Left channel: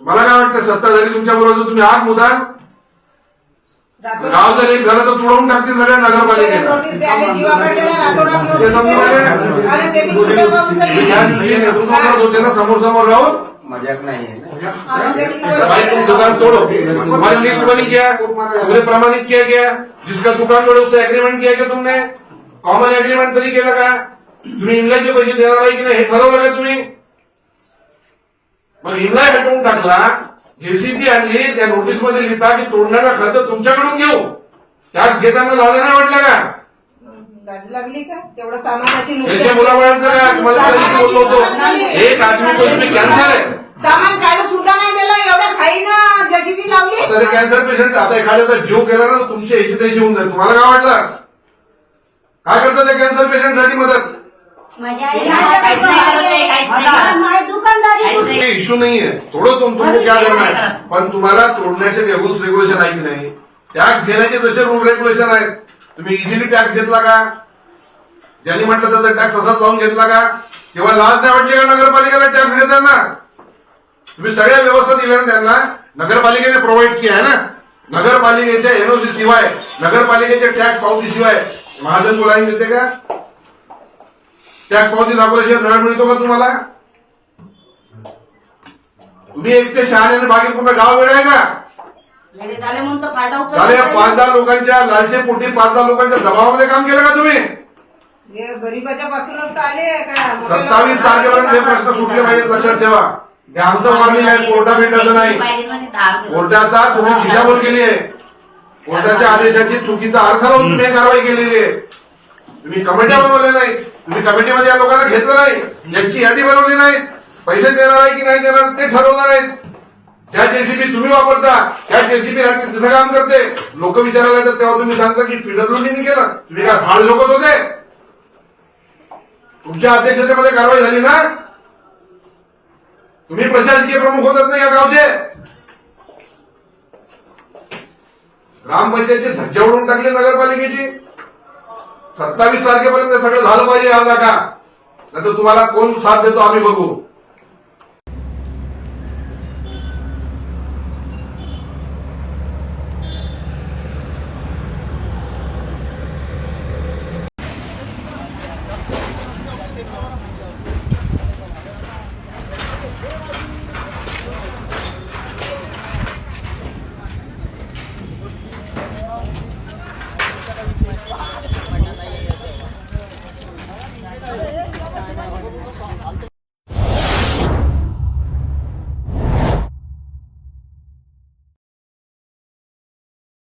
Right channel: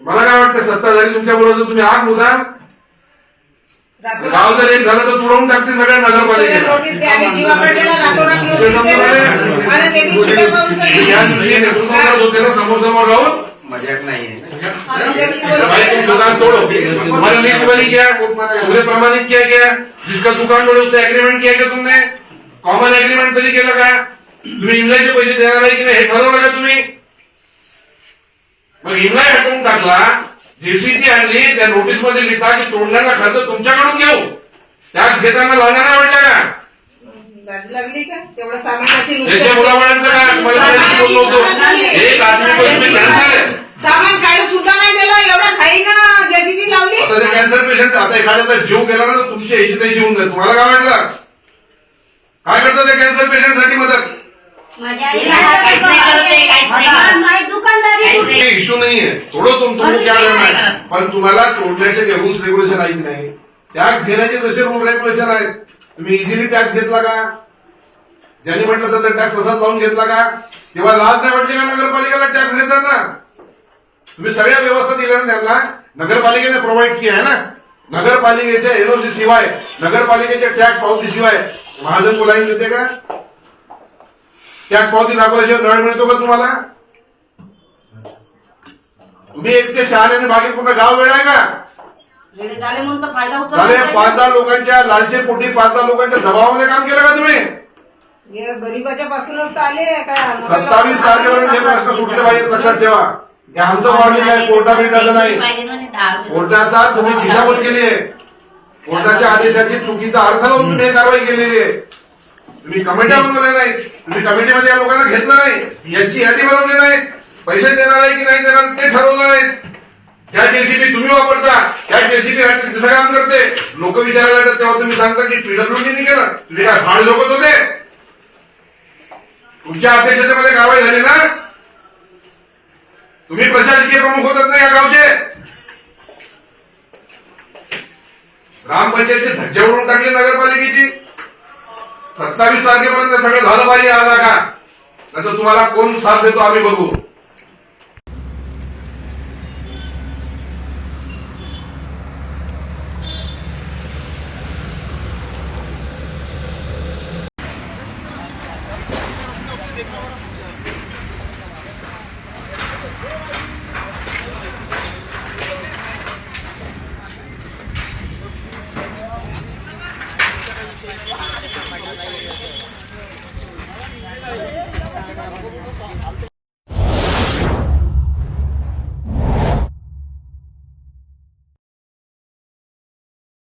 वाटतं सत्ताधारी तुमच्या बरोबर तुम्ही आग मुदाम गाव जर एक झालं तर तुडवून टाकतील सगळ्या नगरपालिकेला. त्या दिवशी नेतृत्व करत होते ना समोर समोर राहून. मजाक दुकान तोड़ो. तुम्हारी लिस्ट बनी क्या प्रमाणित किया क्या जिसका दुकान तोड़े उससे एग्रीमेंट किया क्या तुमने. कॉमन एग्रीमेंट तरी केलं का? तुम्ही इंग्लंडचे पैसे देणार आहे की नाही हे ठरवलं का तुम्ही? मग इंग्लंड हटवून टाकला जेसीबी आणली त्या नोटीसमध्ये लिहिता की तोडण्याचा खर्च तुमच्याकडून घेऊ. टॅक्स घेताना लाजा नाही वाटला का लाज लागली का? तेवढं सामानाची नुकसान- याच्या मुलाबाळांचं का? तुम्हाला बोललो होतो. एक आदमी पैसे कॅन्सर आहे. सामान काढून सुद्धा नाही दिलं. एवढ्या घाईनं जेसीबी लावली. आता ते कॅन्सर पेशंट आता एखाद्याचा जीव गेला ना तर तुमची ऐंशी त्याशी होऊन जाईल. तुम्हाला काय वाटलं? काय करतं ते कॅन्सर पेशंटसाठी मदत? माझ्या आईला काहीच नाही करत आहे, काहीच नाही. करत. माझी दुकानदारी इश्यू नाहीये. थोडं तुम तुमको क्या करना है पण तुम्हाला तोडण्याचे जे रूल्स रेग्युलेशन आहेत की नाही? टॅक्स घेण्याचे जसे रूल रेग्युलेशन आहेत. तुम्ही इझिली टॅक्स घेतला का? ज्यांनी म्हटलं तर टॅक्स असाच लावून घेतला का? तेव्हा लाज नाही वाटली का नगरपालिकेला टॅक्स घेताना? तुम्ही सगळ्या व्यवस्था दिल्या ना त्यांना? नगरपालिकेने प्रोव्हाइड किया आहे ना? नगरपालिकेच्या एनओसी शिवाय नगरपालिकेच्या टॅक्स पावती शिवाय. महाजन बोलाईन देते का? टॅक्स पावती दाखवल्याशिवाय नळ मिळतो का तुम्हाला? तुम्ही एकटे शहाण्याने बाकी पूर्ण गाव वेळ आहे का? झाले. पाच दहा लोकांच्या लालचे पोटी पाच दहा लोकांच्या दबावामध्ये काम केलं का तुम्ही? गरीबाच्या पासूनच तर आले काय? सत्तावीस तारखेपर्यंत हे प्रश्न सुटले पाहिजेत लक्षात ठेवा. हे आमचं वॉर्निंग आहे कोर्टा भेटायचं नाही. पाहिजे. कोर्टाचा तुम्ही दिशाभूल केली आहे कोर्टाच्या आदेशाची चुकीचा अर्थ लावून तुम्ही कारवाई केलेली आहे तुम्ही कमिट्या बनवल्या नाही तुम्ही कमिटीमध्ये या लोकांना घेतलं नाही. यांची यादी बनवली नाही पैसे देणार आहे की नाही देणार ते ठरवलं नाही त्या जेसीबी तुम्ही वापरता. त्या जेसीबी तिथं काम करते. लोक विचारायला येतात तेव्हा तुम्ही सांगता की पीडब्ल्यूडीने केलं. तुम्ही काय भाड लोकच होते तुमच्या अध्यक्षतेमध्ये कारवाई झाली ना? तुम्ही प्रशासकीय प्रमुख होतात ना या गावचे? ग्रामपंचायतचे धज्जे उडून टाकले नगरपालिकेची. सत्तावीस तारखेपर्यंत सगळं झालं पाहिजे आज का तर तुम्हाला कोण साथ देतो आम्ही बघू